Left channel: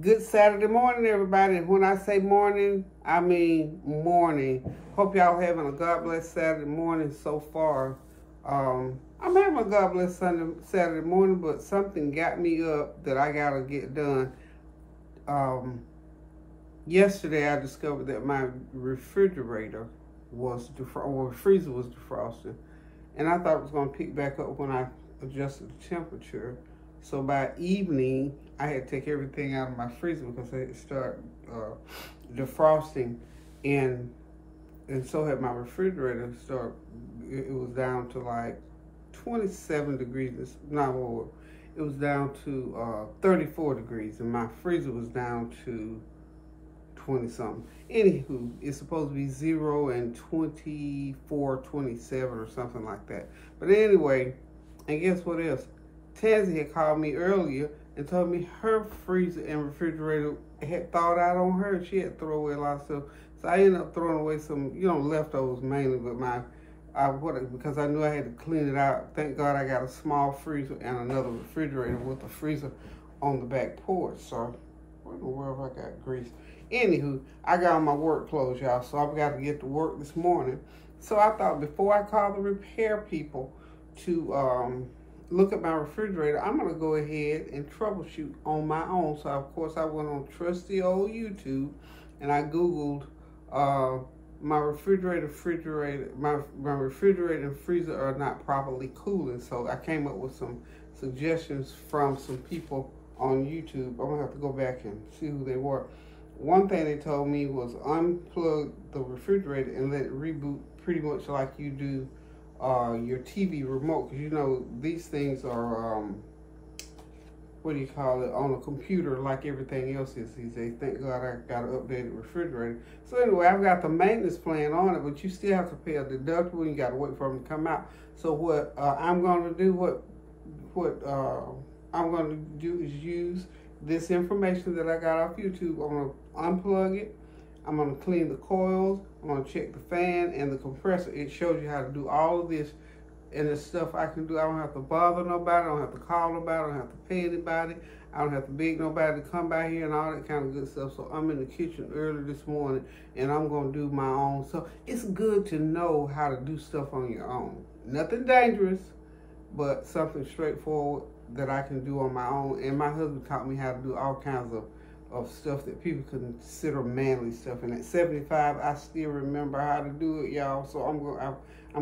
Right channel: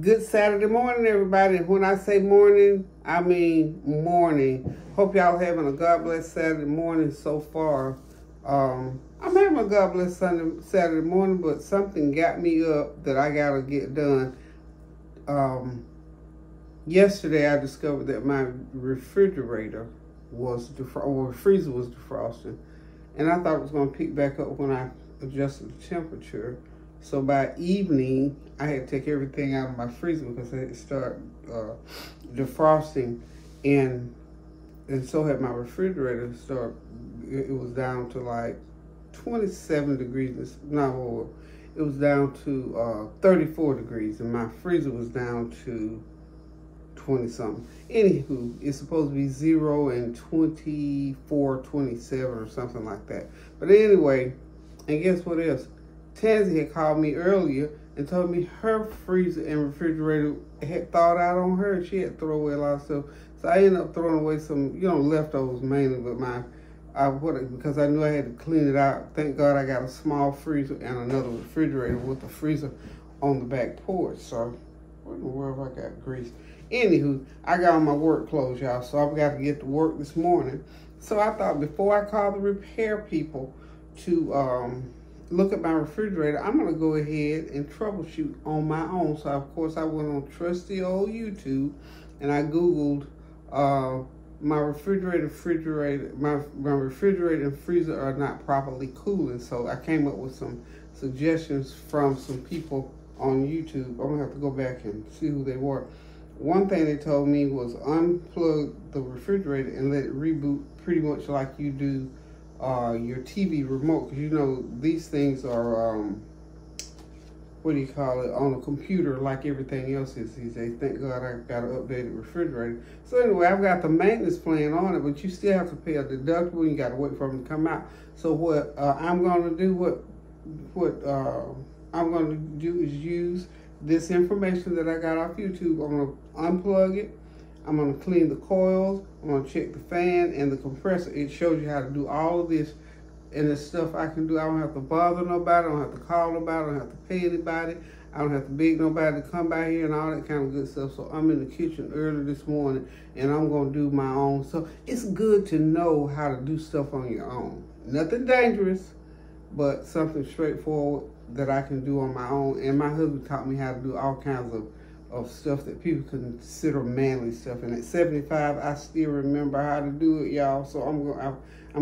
Good Saturday morning, everybody. When I say morning, I mean morning. Hope y'all having a God bless Saturday morning so far. I'm having a God bless Saturday morning, but something got me up that I gotta get done. Yesterday I discovered that my refrigerator or freezer was defrosting, and I thought it was gonna pick back up when I adjusted the temperature. So by evening, I had to take everything out of my freezer because it started defrosting, and so had my refrigerator. It was down to like 27 degrees. No, it was down to 34 degrees, and my freezer was down to 20 something. Anywho, it's supposed to be 0 and 24, 27 or something like that. But anyway, and guess what else? Tansy had called me earlier and told me her freezer and refrigerator had thawed out on her. She had to throw away a lot of stuff. So I ended up throwing away some, leftovers mainly, but because I knew I had to clean it out. Thank God I got a small freezer and another refrigerator with a freezer on the back porch. So where in the world have I got grease? Anywho, I got on my work clothes, y'all, so I've got to get to work this morning. So I thought before I call the repair people to look at my refrigerator, I'm going to go ahead and troubleshoot on my own. So, of course, I went on trusty old YouTube, and I Googled my refrigerator and freezer are not properly cooling. So I came up with some suggestions from some people on YouTube. I'm going to have to go back and see who they were. One thing they told me was unplug the refrigerator and let it reboot pretty much like you do your TV remote, because these things are what do you call it, on a computer like everything else is these days. Thank God I got an updated refrigerator. So anyway, I've got the maintenance plan on it, but you still have to pay a deductible. You got to wait for them to come out. So what I'm going to do, I'm going to do is use this information that I got off YouTube. I'm going to unplug it. I'm going to clean the coils. I'm going to check the fan and the compressor. It shows you how to do all of this, and it's stuff I can do. I don't have to bother nobody. I don't have to call nobody. I don't have to pay anybody. I don't have to beg nobody to come by here and all that kind of good stuff. So I'm in the kitchen early this morning, and I'm going to do my own. So it's good to know how to do stuff on your own. Nothing dangerous, but something straightforward that I can do on my own. And my husband taught me how to do all kinds of stuff that people consider manly stuff. And at 75, I still remember how to do it, y'all. So I'm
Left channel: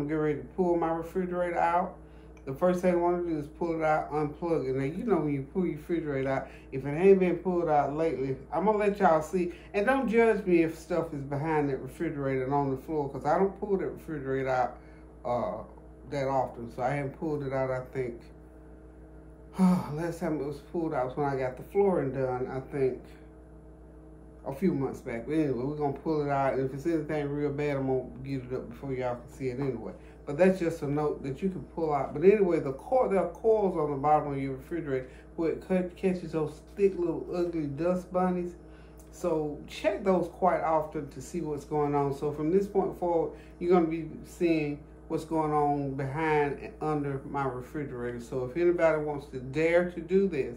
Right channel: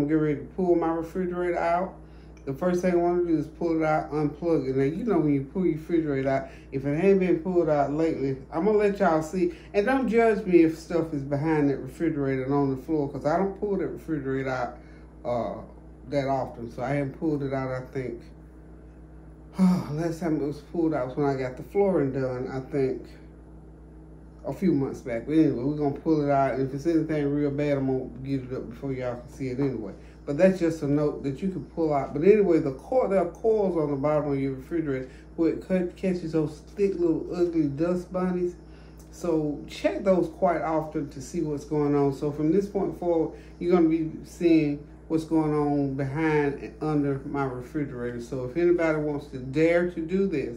getting ready to pull my refrigerator out. The first thing I want to do is pull it out, unplug it. Now, when you pull your refrigerator out, if it ain't been pulled out lately, I'm going to let y'all see. And don't judge me if stuff is behind that refrigerator and on the floor, because I don't pull that refrigerator out that often. So I haven't pulled it out, I think. Last time it was pulled out was when I got the flooring done, I think, a few months back. But anyway, we're going to pull it out. And if it's anything real bad, I'm going to get it up before y'all can see it anyway. But that's just a note that you can pull out. But anyway, there are coils on the bottom of your refrigerator where it catches those thick little ugly dust bunnies. So check those quite often to see what's going on. So from this point forward, you're going to be seeing what's going on behind and under my refrigerator. So if anybody wants to dare to do this,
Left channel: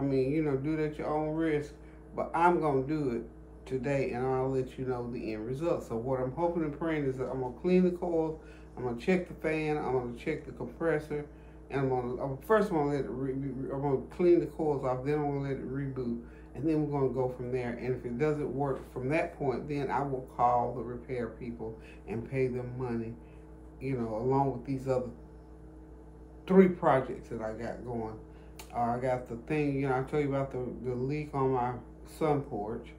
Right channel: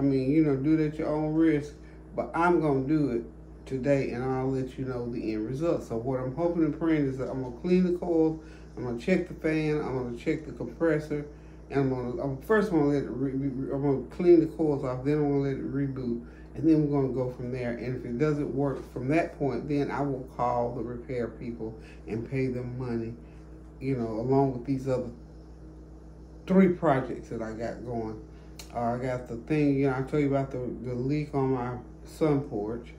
do it at your own risk. But I'm going to do it today, and I'll let you know the end result. So what I'm hoping and praying is that I'm going to clean the coils, I'm going to check the fan, I'm going to check the compressor, and I'm going to clean the coils off, then I'm going to let it reboot, and then we're going to go from there. And if it doesn't work from that point, then I will call the repair people and pay them money, along with these other 3 projects that I got going. I got the thing, I told you about the leak on my sun porch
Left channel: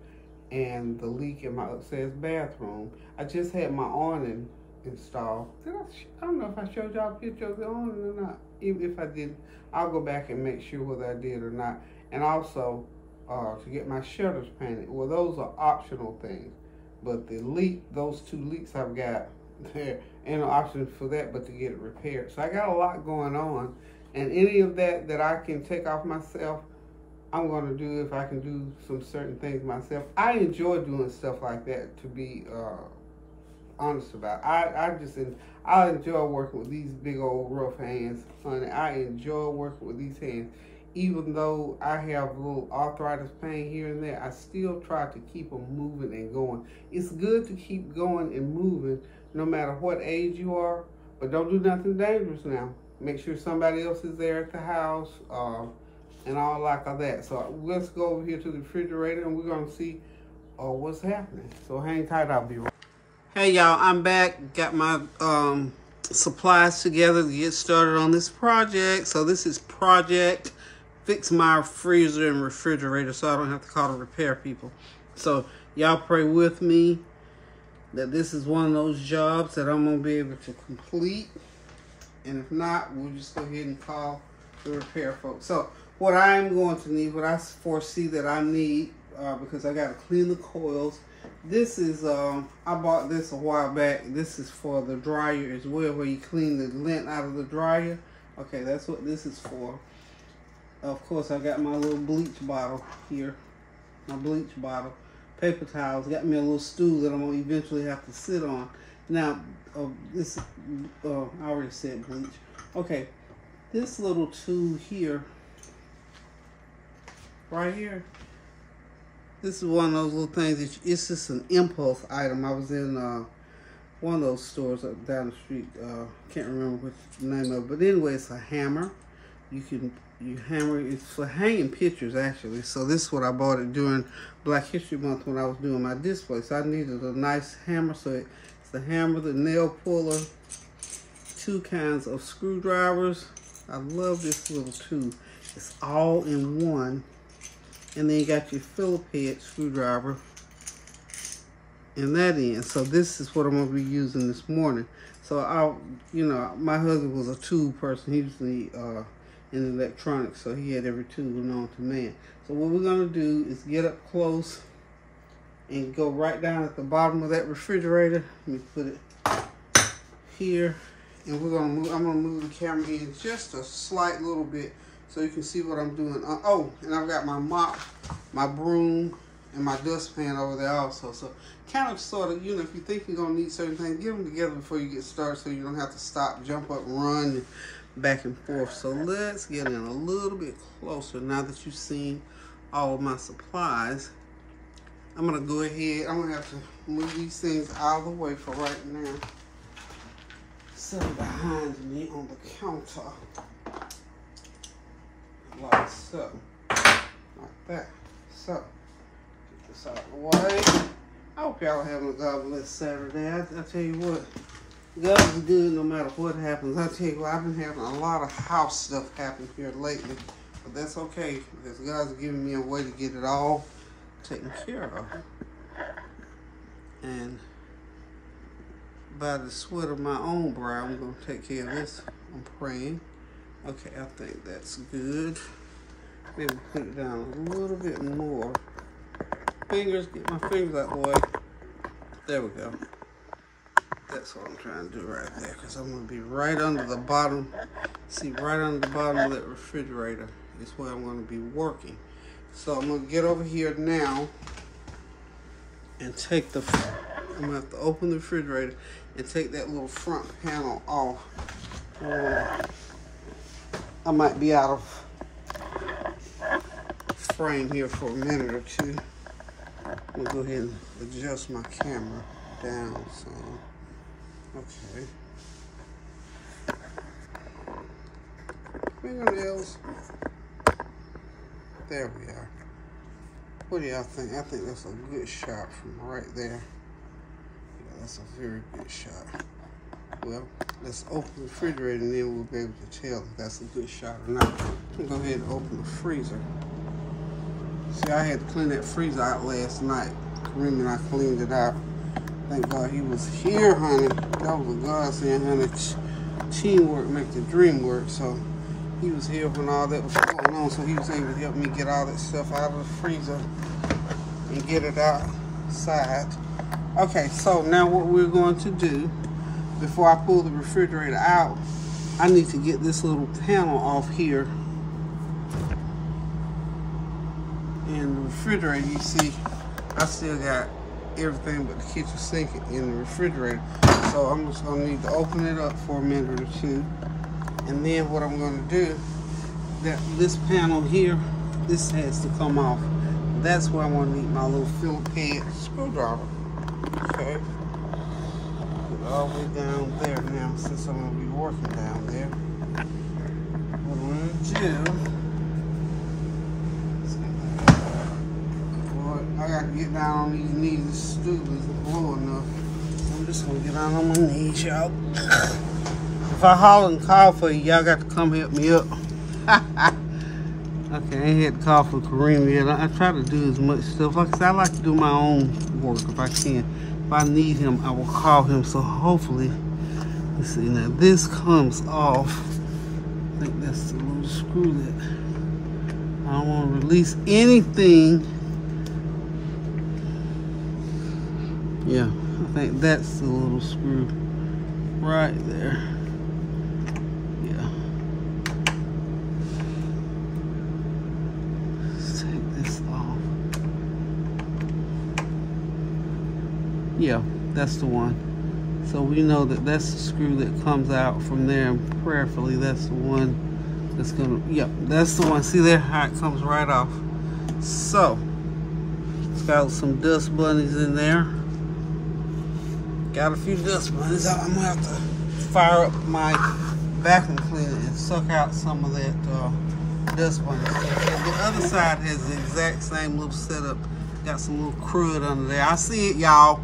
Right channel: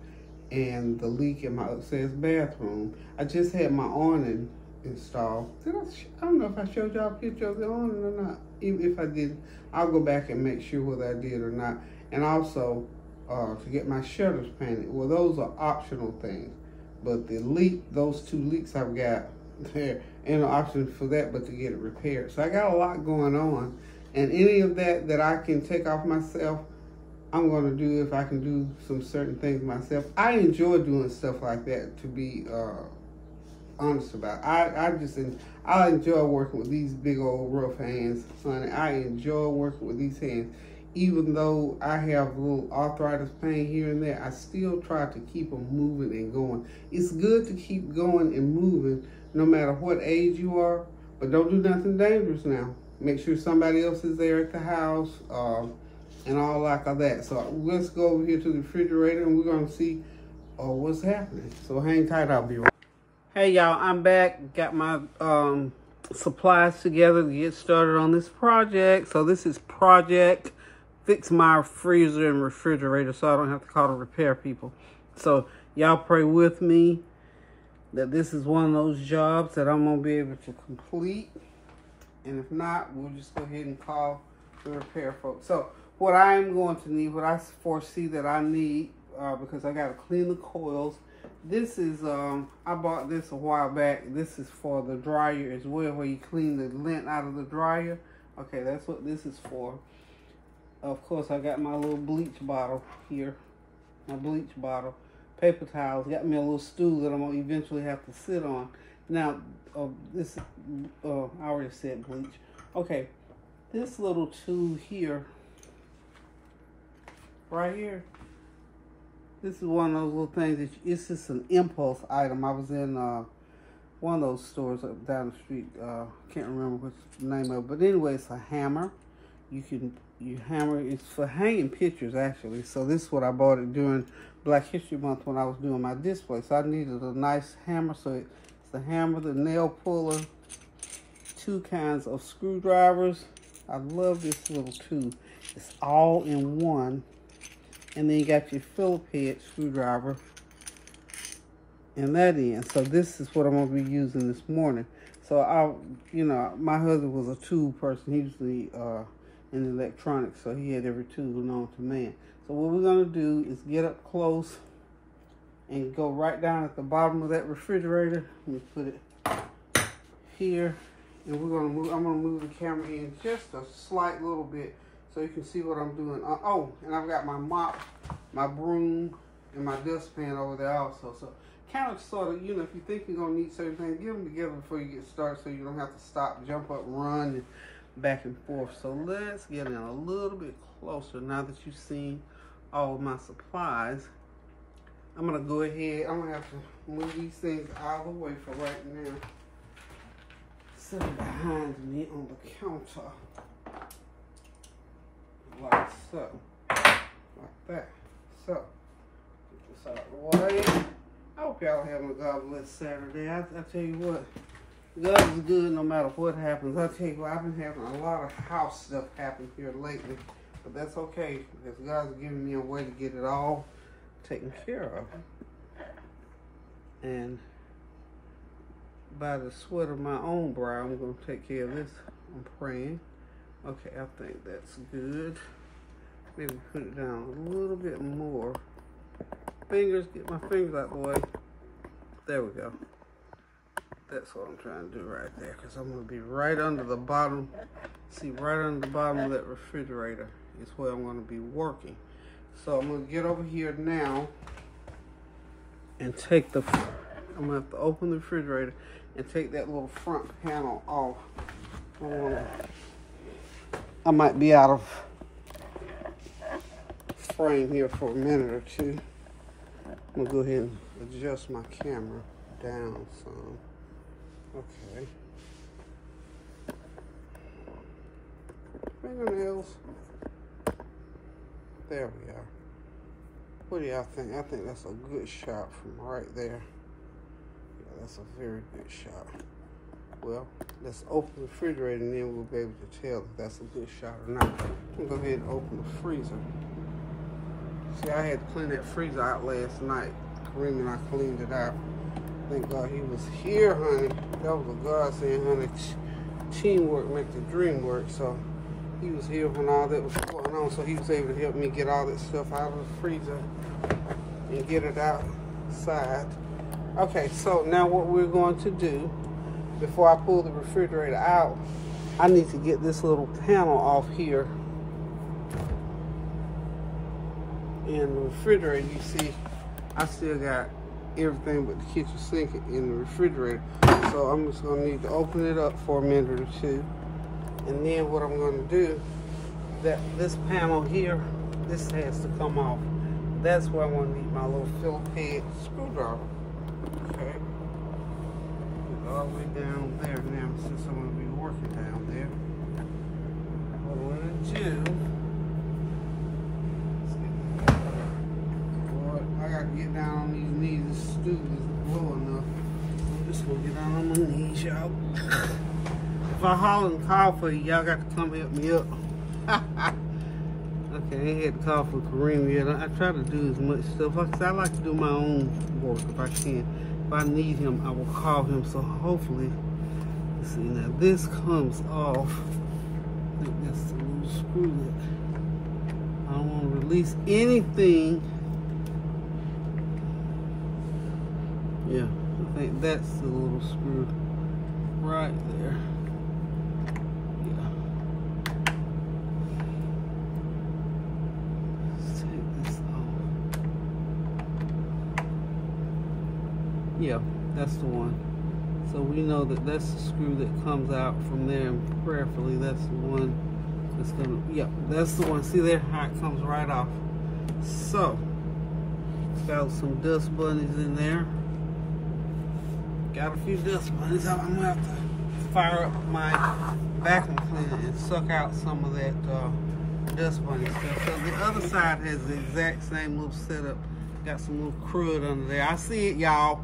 and the leak in my upstairs bathroom. I just had my awning installed. I don't know if I showed y'all a picture of the awning or not. Even if I didn't, I'll go back and make sure whether I did or not. And also to get my shutters painted. Well, those are optional things. But the leak, those 2 leaks I've got, there ain't no option for that but to get it repaired. So I got a lot going on. And any of that I can take off myself, I'm going to do if I can do some certain things myself. I enjoy doing stuff like that, to be honest about. I enjoy working with these big old rough hands, honey. I enjoy working with these hands. Even though I have a little arthritis pain here and there, I still try to keep them moving and going. It's good to keep going and moving no matter what age you are, but don't do nothing dangerous now. Make sure somebody else is there at the house and all like that. So let's go over here to the refrigerator and we're going to see what's happening. So hang tight, I'll be right. Hey y'all, I'm back. Got my supplies together to get started on this project. So this is Project Fix My Freezer and Refrigerator, so I don't have to call the repair people. So y'all pray with me that this is one of those jobs that I'm gonna be able to complete. And if not, we'll just go ahead and call the repair folks. So what I am going to need, what I foresee that I need, because I gotta clean the coils. This is, I bought this a while back. This is for the dryer as well, where you clean the lint out of the dryer. Okay, that's what this is for. Of course, I got my little bleach bottle here. My bleach bottle. Paper towels. Got me a little stool that I'm going to eventually have to sit on. Now, this, I already said bleach. Okay, this little tool here, right here, this is one of those little things that it's just an impulse item. I was in one of those stores up down the street. Can't remember what the name of it. But anyway, it's a hammer. You hammer. It's for hanging pictures, actually. So this is what I bought it during Black History Month when I was doing my display. So I needed a nice hammer. So it's the hammer, the nail puller, 2 kinds of screwdrivers. I love this little tool. It's all in one. And then you got your Phillips head screwdriver in that end. So this is what I'm going to be using this morning. So my husband was a tool person. He was in electronics, so he had every tool known to man. So what we're going to do is get up close and go right down at the bottom of that refrigerator. Let me put it here. And we're going to move, I'm going to move the camera in just a slight little bit so you can see what I'm doing. Oh, and I've got my mop, my broom, and my dustpan over there also. So kind of sort of, if you think you're going to need certain things, get them together before you get started so you don't have to stop, jump up, run back and forth. So let's get in a little bit closer now that you've seen all of my supplies. I'm going to go ahead. I'm going to have to move these things out of the way for right now. Set them behind me on the counter. Like so. Like that. So, get this out of the way. I hope y'all having a God bless Saturday. I tell you what, God is good no matter what happens. I tell you what, I've been having a lot of house stuff happen here lately. But that's okay, because God's giving me a way to get it all taken care of. And by the sweat of my own brow, I'm going to take care of this. I'm praying. Okay, I think that's good. Maybe put it down a little bit more. Fingers, get my fingers out the way. There we go. That's what I'm trying to do right there, because I'm going to be right under the bottom. See, right under the bottom of that refrigerator is where I'm going to be working. So I'm going to get over here now and take the, I'm going to have to open the refrigerator and take that little front panel off. I might be out of frame here for a minute or two. I'm gonna go ahead and adjust my camera down some. Okay. Fingernails. There we are. What do y'all think? I think that's a good shot from right there. Yeah, that's a very good shot. Well, let's open the refrigerator and then we'll be able to tell if that's a good shot or not. I'm gonna go ahead and open the freezer. See, I had to clean that freezer out last night. Kareem and I cleaned it out. Thank God he was here, honey. That was a godsend, honey. Teamwork make the dream work. So he was here when all that was going on. So he was able to help me get all that stuff out of the freezer and get it outside. Okay, so now what we're going to do, before I pull the refrigerator out, I need to get this little panel off here. And the refrigerator, you see, I still got everything but the kitchen sink in the refrigerator. So I'm just gonna need to open it up for a minute or two. And then what I'm gonna do this panel here, this has to come off. That's where I'm gonna need my little Phillips head screwdriver. Okay. Get all the way down there now, since I'm gonna be working down there. What I'm gonna do, I gotta get down on these knees. This stool isn't low enough. So I'm just gonna get down on my knees, y'all. If I holler and call for you, y'all got to come help me up. Okay, I ain't had to call for Kareem yet. I try to do as much stuff. Like I said, I like to do my own work if I can. If I need him, I will call him. So hopefully, let's see, now this comes off. I think that's the little screw that I don't want to release anything. Yeah, I think that's the little screw right there. Yeah. Let's take this off. Yeah, that's the one. So we know that that's the screw that comes out from there, and prayerfully that's the one that's gonna, yep, that's the one. See there how it comes right off. So it's got some dust bunnies in there. Got a few dust bunnies. I'm gonna have to fire up my vacuum cleaner and suck out some of that dust bunny stuff. So the other side has the exact same little setup. Got some little crud under there. I see it, y'all.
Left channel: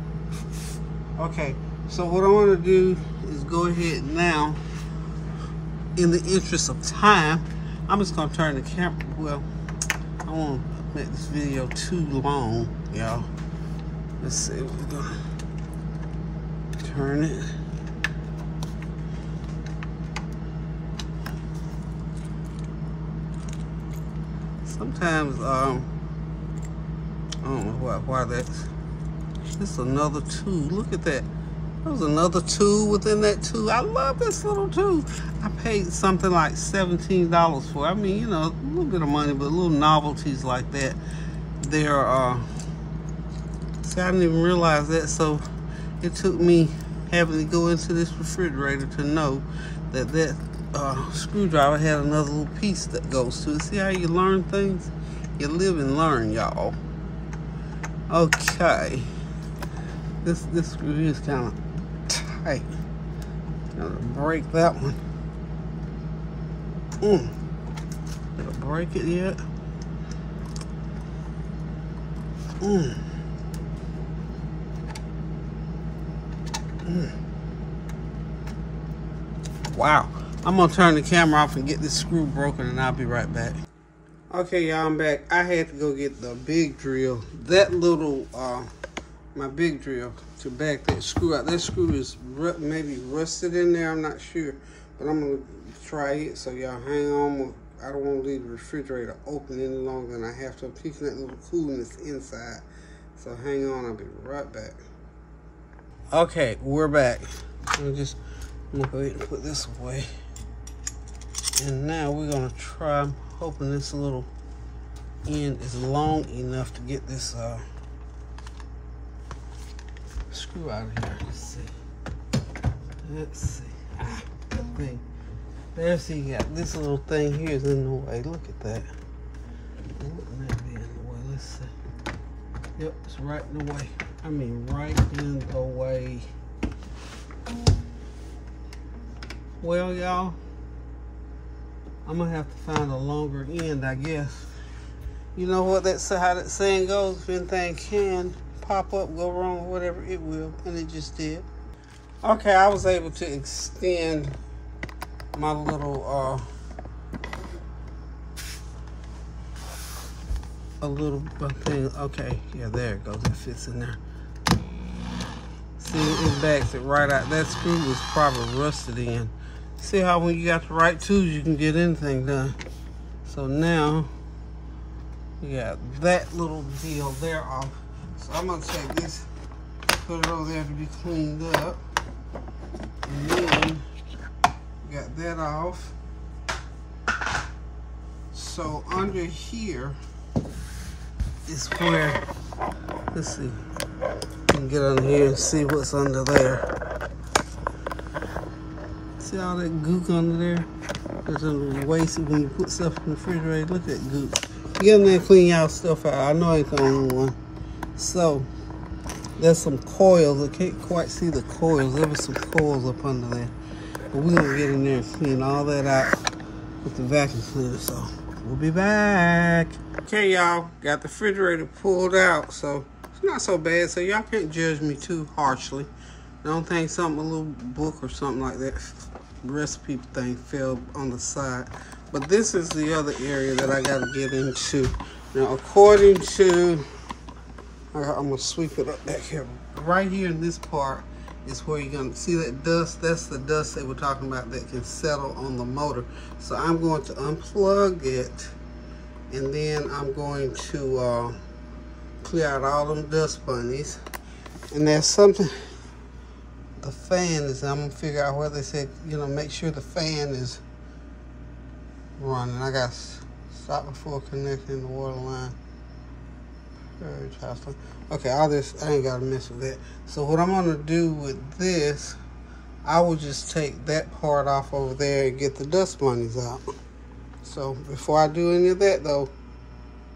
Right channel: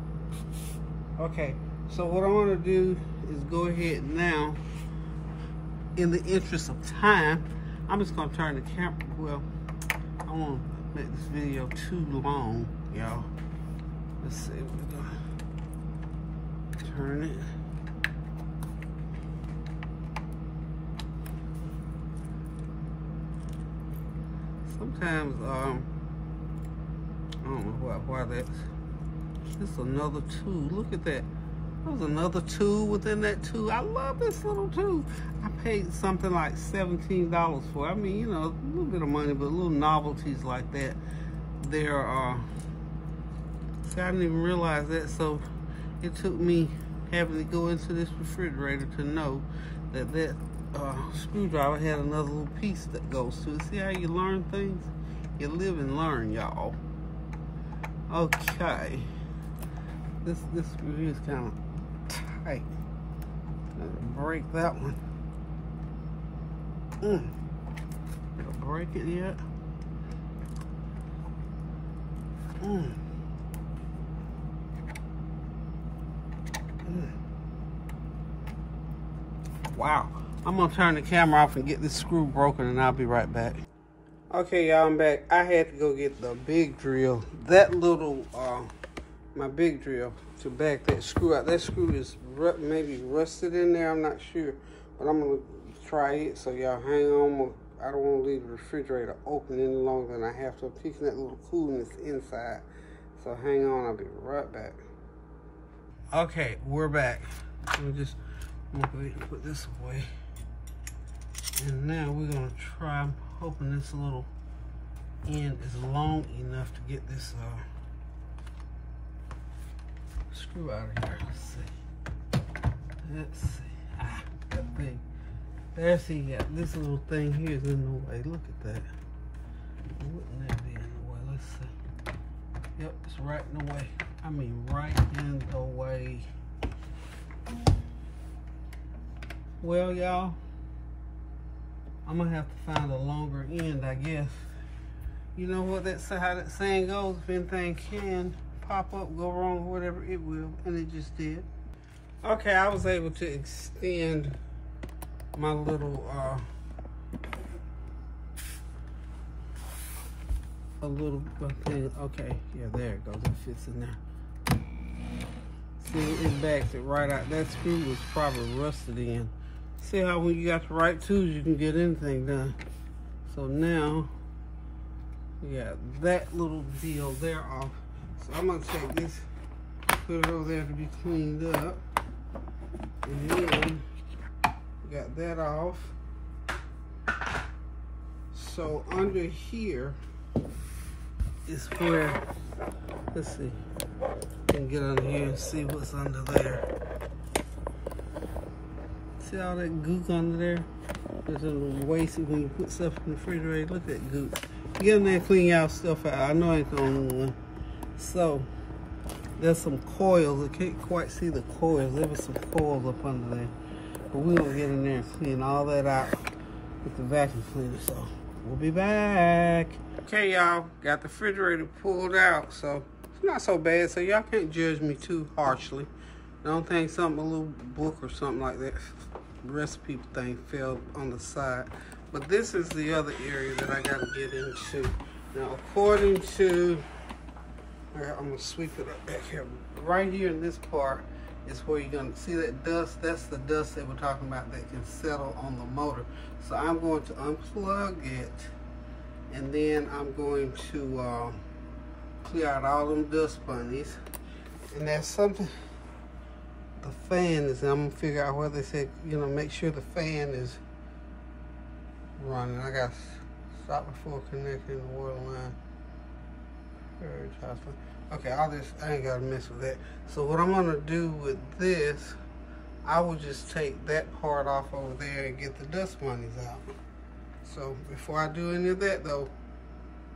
Okay, so what I want to do is go ahead now, in the interest of time, I'm just gonna turn the camera. Well, I won't make this video too long, y'all. Let's see. We're gonna turn it. Sometimes I don't know why that's. This is another tool. Look at that. There's another tool within that tool. I love this little tool. I paid something like $17 for it. I mean, you know, a little bit of money, but little novelties like that. They're see, I didn't even realize that. So it took me having to go into this refrigerator to know that that screwdriver had another little piece that goes to it. See how you learn things? You live and learn, y'all. Okay. This screw is kind of tight. Gotta break that one. Gotta break it yet? Wow. I'm gonna turn the camera off and get this screw broken, and I'll be right back. Okay, y'all, I'm back. I had to go get the big drill. That little, my big drill to back that screw out. That screw is maybe rusted in there, I'm not sure. But I'm gonna try it, so y'all hang on. I don't wanna leave the refrigerator open any longer than I have to. I'm keeping that little coolness inside. So hang on, I'll be right back. Okay, we're back. I'm gonna go ahead and put this away. And now we're gonna try, I'm hoping this little end is long enough to get this screw out of here. Let's see. That thing. There, see, you got this little thing here is in the way. Look at that. Wouldn't that be in the way? Let's see. Yep, it's right in the way. I mean, right in the way. Well, y'all, I'm gonna have to find a longer end, I guess. You know what? That's how that saying goes. If anything can pop up, go wrong, or whatever, it will, and it just did. Okay, I was able to extend my little a little thing. Okay, yeah, there it goes. It fits in there. See, it backs it right out. That screw was probably rusted in. See how when you got the right tools, you can get anything done. So now we got that little deal there off. So I'm gonna take this, put it over there to be cleaned up, and then we got that off. So under here is where, let's see, you can get under here and see what's under there. See all that gook under there? There's a little waste when you put stuff in the refrigerator. Look at that goop. Get in there and clean y'all stuff out. I know I ain't the only one. So, there's some coils. I can't quite see the coils. There was some coils up under there. But we're gonna get in there and clean all that out with the vacuum cleaner. So, we'll be back. Okay, y'all. Got the refrigerator pulled out. So, it's not so bad. So, y'all can't judge me too harshly. Don't think something, a little book or something like that, recipe thing fell on the side. But this is the other area that I got to get into. Now, according to, I'm going to sweep it up back here. Right here in this part is where you're going to see that dust. That's the dust they were talking about that can settle on the motor. So I'm going to unplug it, and then I'm going to clear out all them dust bunnies. And there's something, the fan is, I'm gonna figure out where they said, you know, make sure the fan is running. I got to stop before connecting the water line. Purge house line. Okay, all this, I ain't gotta mess with that. So what I'm gonna do with this, I will just take that part off over there and get the dust bunnies out. So before I do any of that though,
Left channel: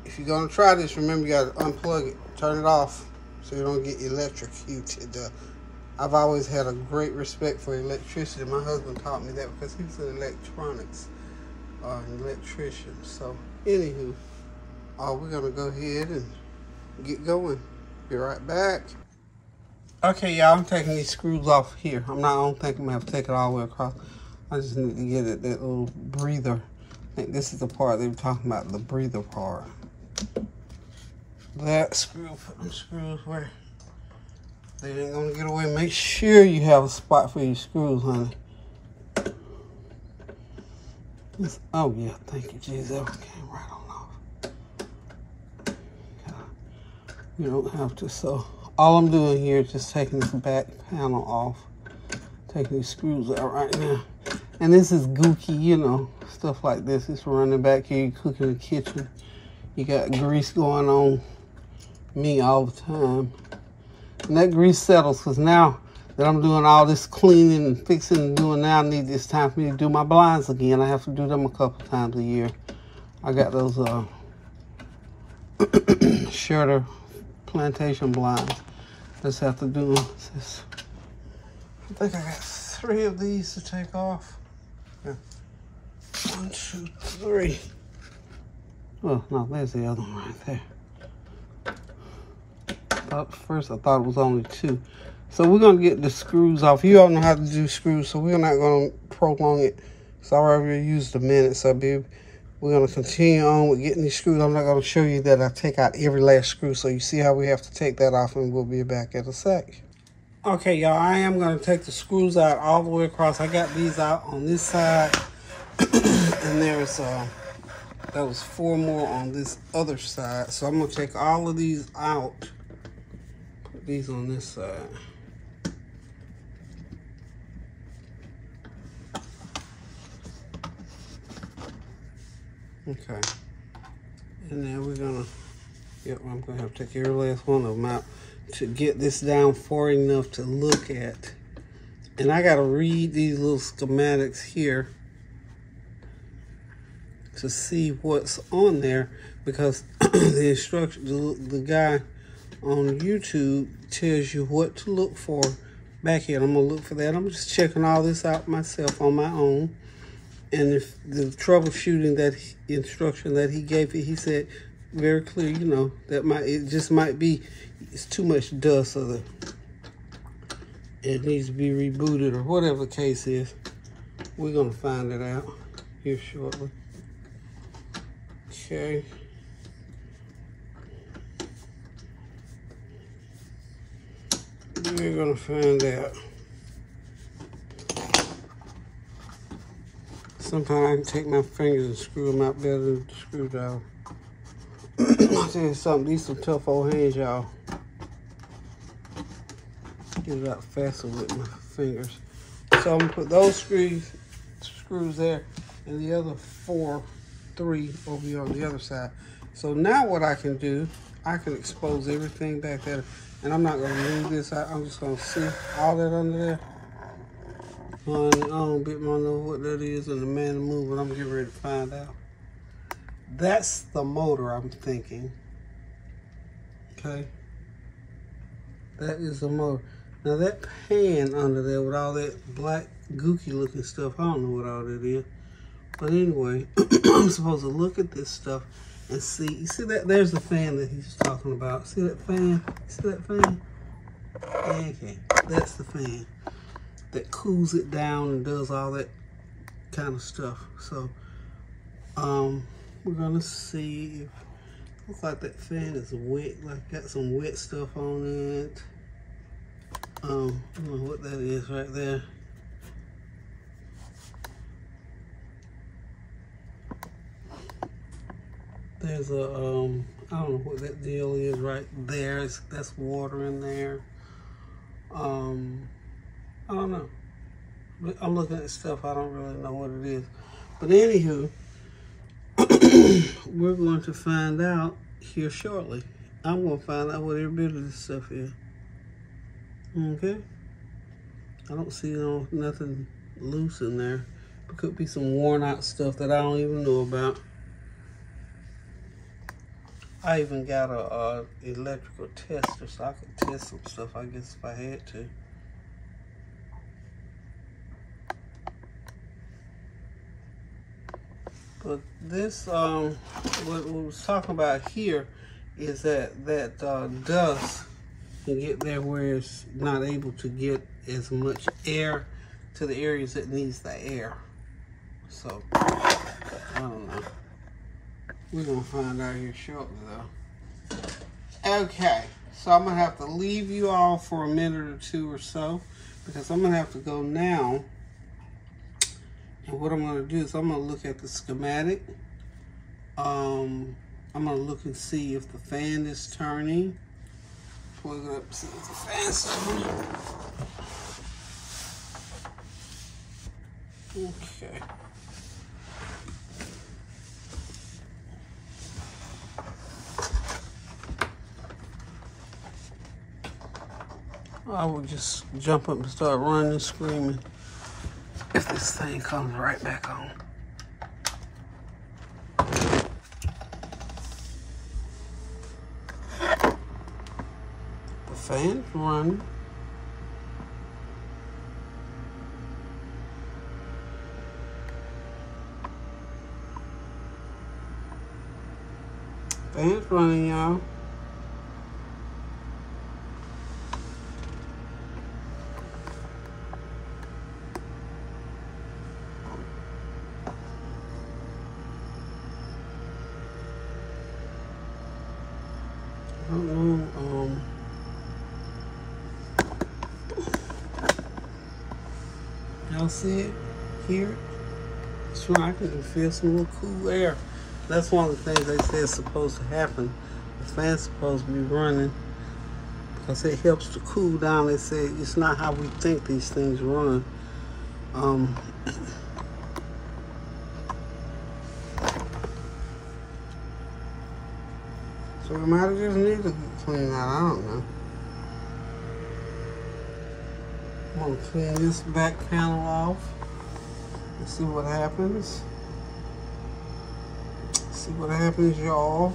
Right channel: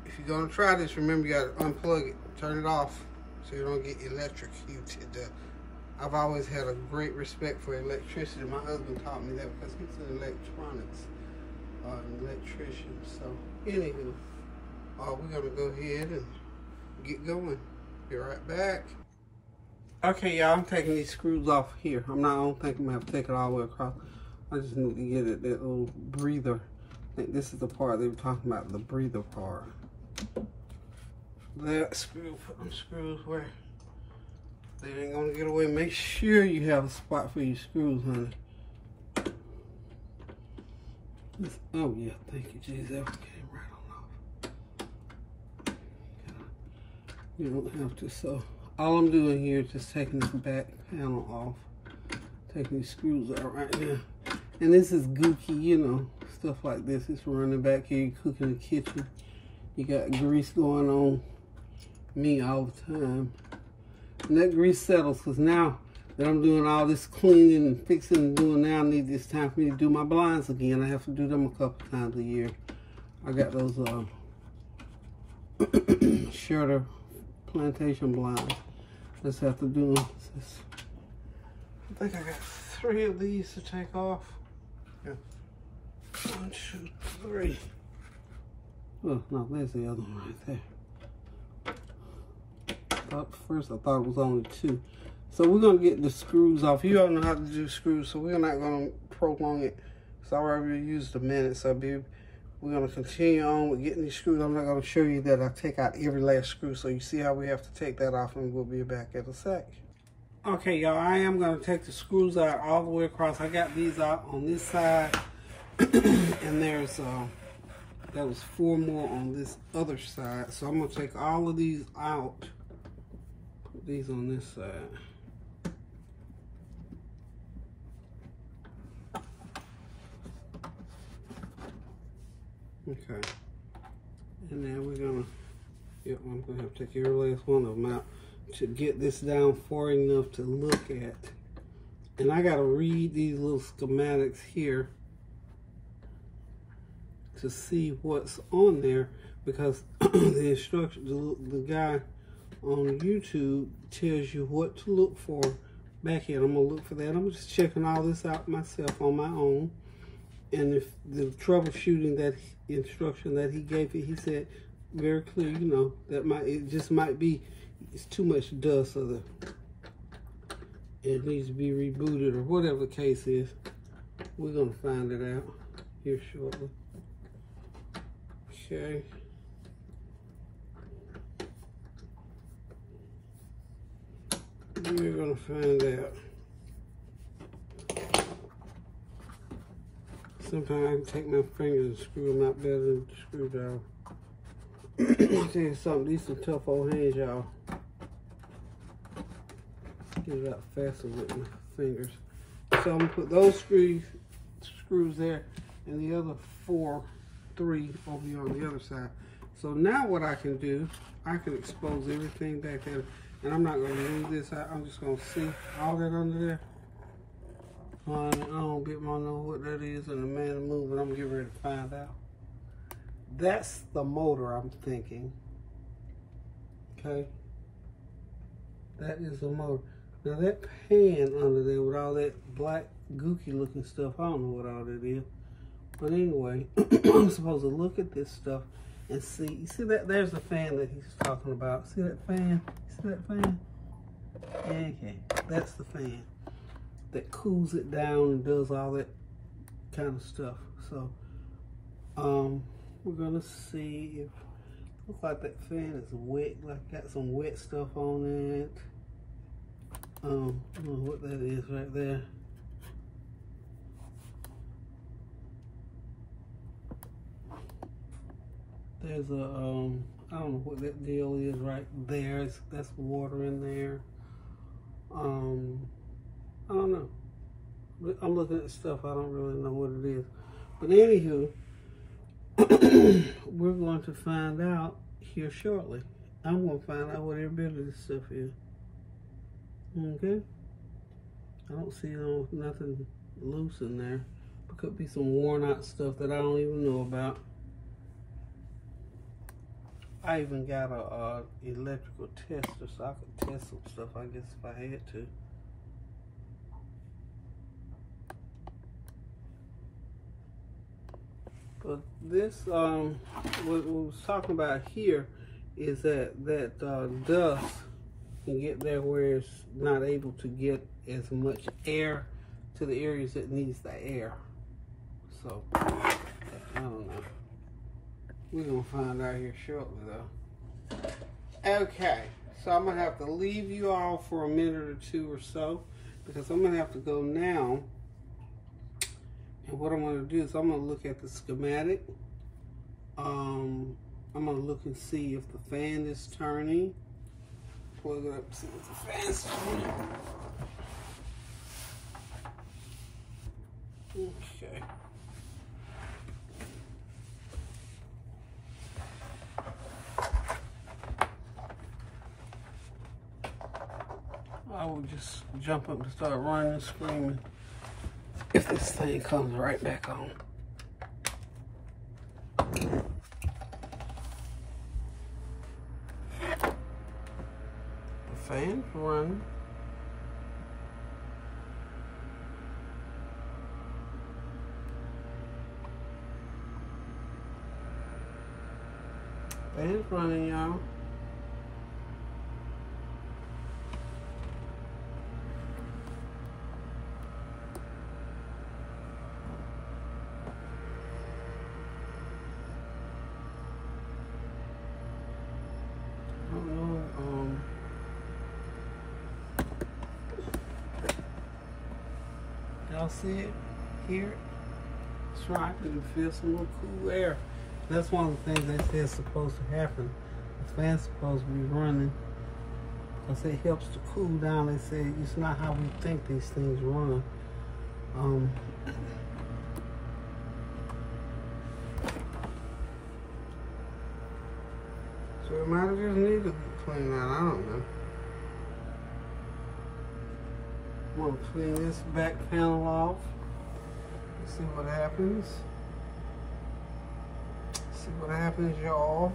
if you're gonna try this, remember you gotta unplug it, turn it off so you don't get electrocuted. I've always had a great respect for electricity. My husband taught me that because he's an electronics electrician. So, anywho, we're gonna go ahead and get going. Be right back. Okay, y'all, I'm taking these screws off here. I don't think I'm gonna have to take it all the way across. I just need to get it, that little breather. I think this is the part they were talking about, the breather part. That screw, put them screws where they ain't gonna get away. Make sure you have a spot for your screws, honey. Oh yeah, thank you, Jesus. That came right on off. You don't have to. So all I'm doing here is just taking this back panel off, taking these screws out right now. And this is gooky, you know, stuff like this. It's running back here. You cook in the kitchen. You got grease going on me all the time. And that grease settles, because now that I'm doing all this cleaning and fixing and doing now, it's time for me to do my blinds again. I have to do them a couple times a year. I got those Shutter plantation blinds. Just have to do them. I think I got 3 of these to take off. Yeah. 1, 2, 3. Oh, no, there's the other one right there. First I thought it was only 2. So we're gonna get the screws off. You all know how to do screws, so we're not gonna prolong it. So I already used a minute, so we're gonna continue on with getting these screws. I'm not gonna show you that I take out every last screw, so you see how we have to take that off, and we'll be back in a sec. Okay, y'all, I am gonna take the screws out all the way across. I got these out on this side, and there's that was 4 more on this other side. So I'm gonna take all of these out. These on this side. Okay. And then we're gonna, I'm gonna have to take every last one of them out to get this down far enough to look at. And I gotta read these little schematics here to see what's on there, because the instruction, the guy on YouTube tells you what to look for back here. I'm gonna look for that. I'm just checking all this out myself on my own. And if the troubleshooting instruction that he gave it, he said very clear, you know, that it just might be, it's too much dust, or it needs to be rebooted, or whatever the case is. We're gonna find it out here shortly. Okay. We're gonna find out. Sometimes I can take my fingers and screw them out better than the screwdriver. I'll tell you something, these some tough old hands, y'all. Get it out faster with my fingers. So I'm gonna put those screws there, and the other 3 over here on the other side. So now what I can do, I can expose everything back there. And I'm not gonna move this out. I'm just gonna see all that under there. on and on. Bit more know what that is and the man to move, but I'm getting ready to find out. That's the motor I'm thinking. Okay. That is the motor. Now that pan under there with all that black gooky looking stuff, I don't know what all that is. But anyway, I'm supposed to look at this stuff and see. You see that? There's the fan that he's talking about. See that fan? See that fan? Okay, that's the fan that cools it down and does all that kind of stuff. So, we're gonna see if looks like that fan is wet. Like got some wet stuff on it. I don't know what that is right there. There's a, I don't know what that deal is right there. That's water in there. I don't know. I'm looking at stuff, I don't really know what it is. But anywho, we're going to find out here shortly. I'm going to find out what every bit of this stuff is. Okay? I don't see nothing loose in there. It could be some worn out stuff that I don't even know about. I even got a electrical tester, so I could test some stuff, I guess, if I had to. But this, what we was talking about here is that dust can get there where it's not able to get as much air to the areas that needs the air. So, I don't know. We're gonna find out here shortly though. Okay, so I'm gonna have to leave you all for a minute or two or so because I'm gonna have to go now. And what I'm gonna do is I'm gonna look at the schematic. I'm gonna look and see if the fan is turning. Plug it up and see if the fan's turning. Okay. I will just jump up and start running and screaming if this thing comes right back on. The fan's running. Fan's running, y'all. Y'all see it? Hear it? So I can feel some little cool air. That's one of the things they say is supposed to happen. The fan's supposed to be running because it helps to cool down. They say it's not how we think these things run. So it might have just needed to get cleaned out. I don't know. I'm gonna clean this back panel off and see what happens. See what happens, y'all.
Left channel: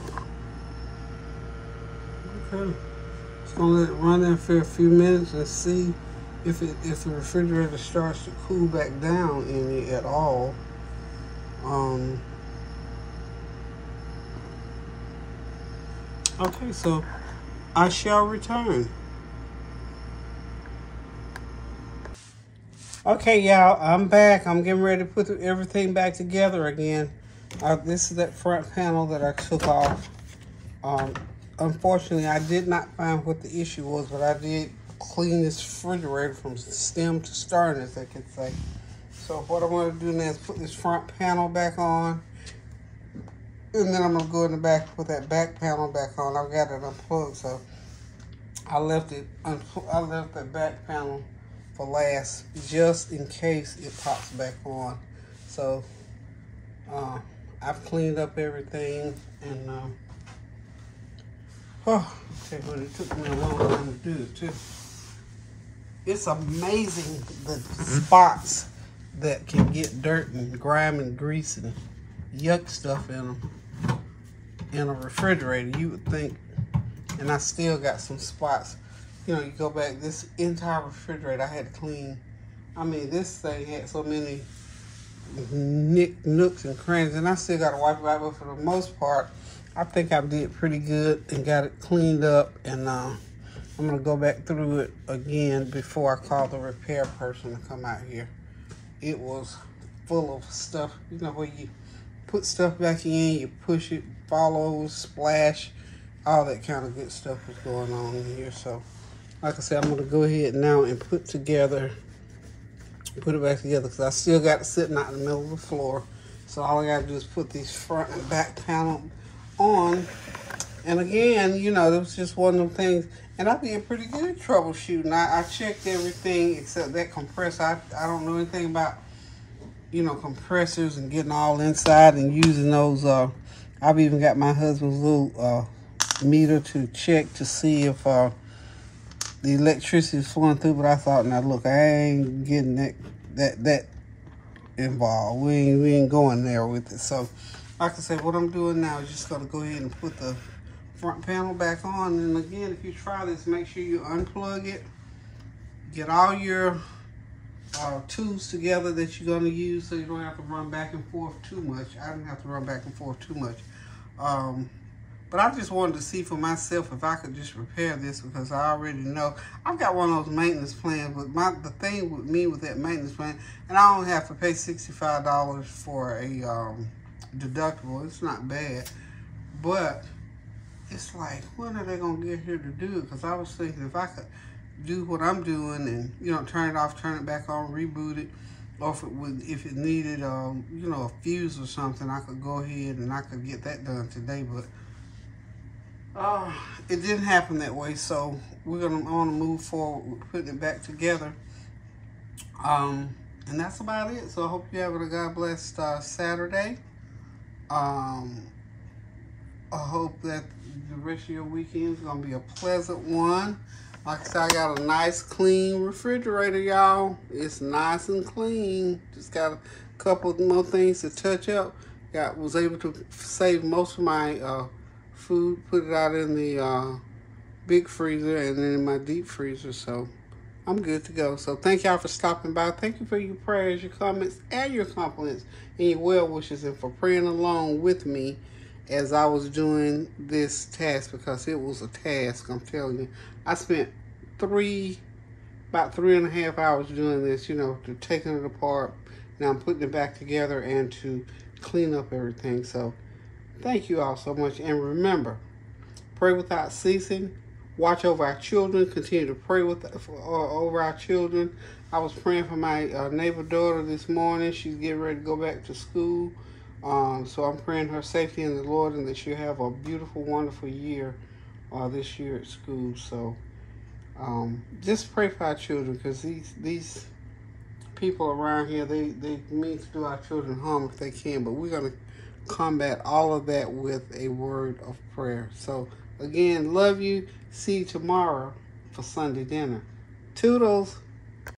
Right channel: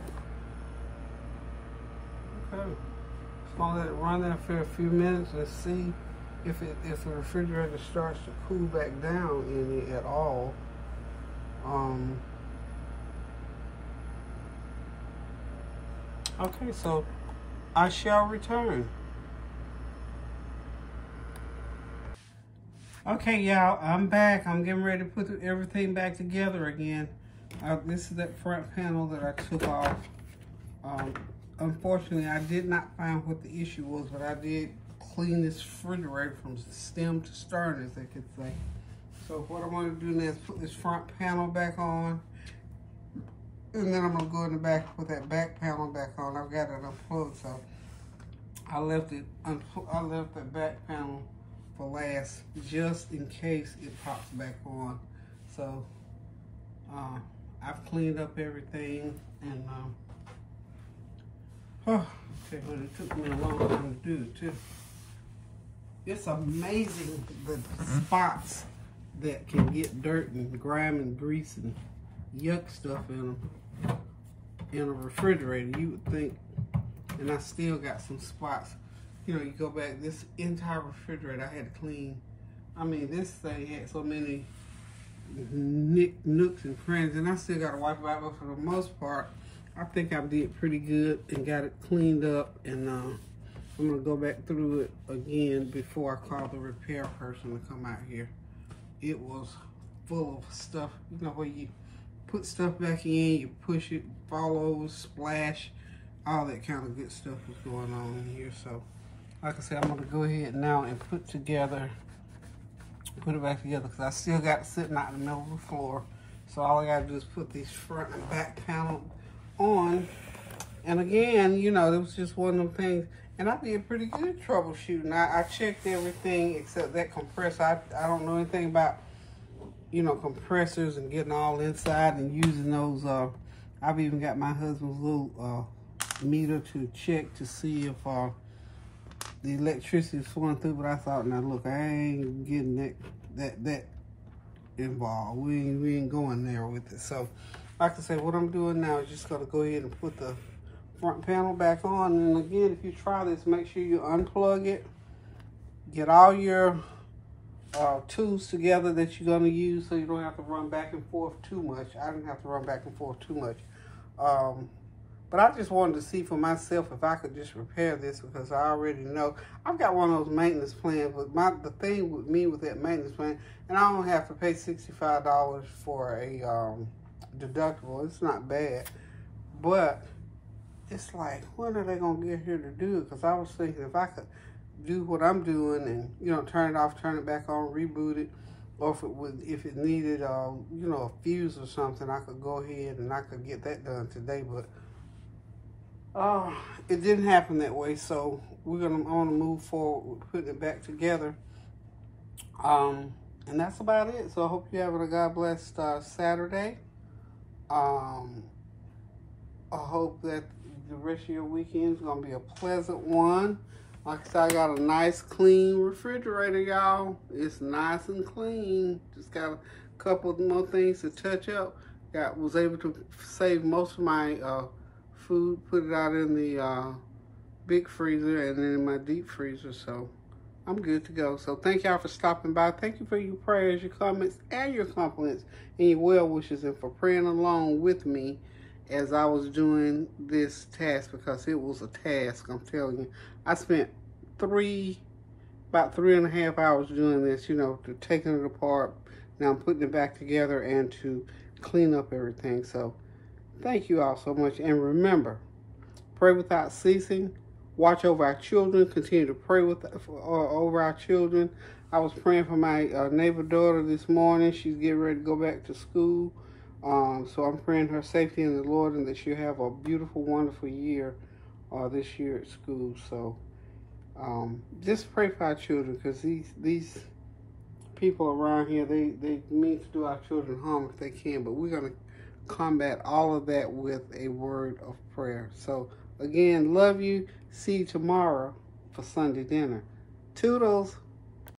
Okay. Just gonna let it run there for a few minutes and see if the refrigerator starts to cool back down any at all. Okay, so I shall return. Okay, y'all, I'm back. I'm getting ready to put everything back together again. This is that front panel that I took off. Unfortunately, I did not find what the issue was, but I did clean this refrigerator from stem to stern, as they could say. So what I want to do now is put this front panel back on. And then I'm going to go in the back and put that back panel back on. I've got it unplugged, so I left that back panel for last, just in case it pops back on. So I've cleaned up everything, and it took me a long time to do it too. It's amazing the spots that can get dirt and grime and grease and yuck stuff in them in a refrigerator. You would think, and I still got some spots. You know, you go back, this entire refrigerator I had to clean. I mean, this thing had so many nooks and crannies, and I still got to wipe it out, but for the most part, I think I did pretty good and got it cleaned up, and I'm going to go back through it again before I call the repair person to come out here. It was full of stuff, you know, where you put stuff back in, you push it, fall over, splash, all that kind of good stuff was going on in here. So, like I said, I'm going to go ahead now and put it back together, because I still got it sitting out in the middle of the floor. So all I got to do is put these front and back panel on. And again, you know, it was just one of them things. And I did pretty good troubleshooting. I checked everything except that compressor. I don't know anything about, you know, compressors and getting all inside and using those. I've even got my husband's little meter to check to see if the electricity is flowing through. But I thought, now look, I ain't getting that involved. We ain't going there with it. So, like I said, what I'm doing now is just gonna go ahead and put the front panel back on. And again, if you try this, make sure you unplug it, get all your tools together that you're going to use, so you don't have to run back and forth too much. I didn't have to run back and forth too much, but I just wanted to see for myself if I could just repair this, because I already know I've got one of those maintenance plans. But the thing with me with that maintenance plan, and I only have to pay $65 for a deductible. It's not bad, but it's like, when are they gonna get here to do it? Because I was thinking if I could do what I'm doing and, you know, turn it off, turn it back on, reboot it, or if it needed you know, a fuse or something, I could go ahead and I could get that done today. But it didn't happen that way, so I want to move forward with putting it back together. And that's about it. So I hope you're having a God blessed Saturday. I hope that the rest of your weekend is going to be a pleasant one. Like I said, I got a nice clean refrigerator, y'all. It's nice and clean. Just got a couple more things to touch up. Was able to save most of my food, put it out in the big freezer and then in my deep freezer. So I'm good to go. So thank y'all for stopping by. Thank you for your prayers, your comments, and your compliments, and your well wishes, and for praying along with me as I was doing this task, because it was a task, I'm telling you. I spent about 3.5 hours doing this, you know, to taking it apart. Now I'm putting it back together and to clean up everything. So thank you all so much. And remember, pray without ceasing. Watch over our children. Continue to pray over our children. I was praying for my neighbor daughter this morning. She's getting ready to go back to school. So I'm praying her safety in the Lord, and that she'll have a beautiful, wonderful year this year at school. So just pray for our children, because these people around here, they mean to do our children harm if they can. But we're going to combat all of that with a word of prayer. So again, love you. See you tomorrow for Sunday dinner. Toodles.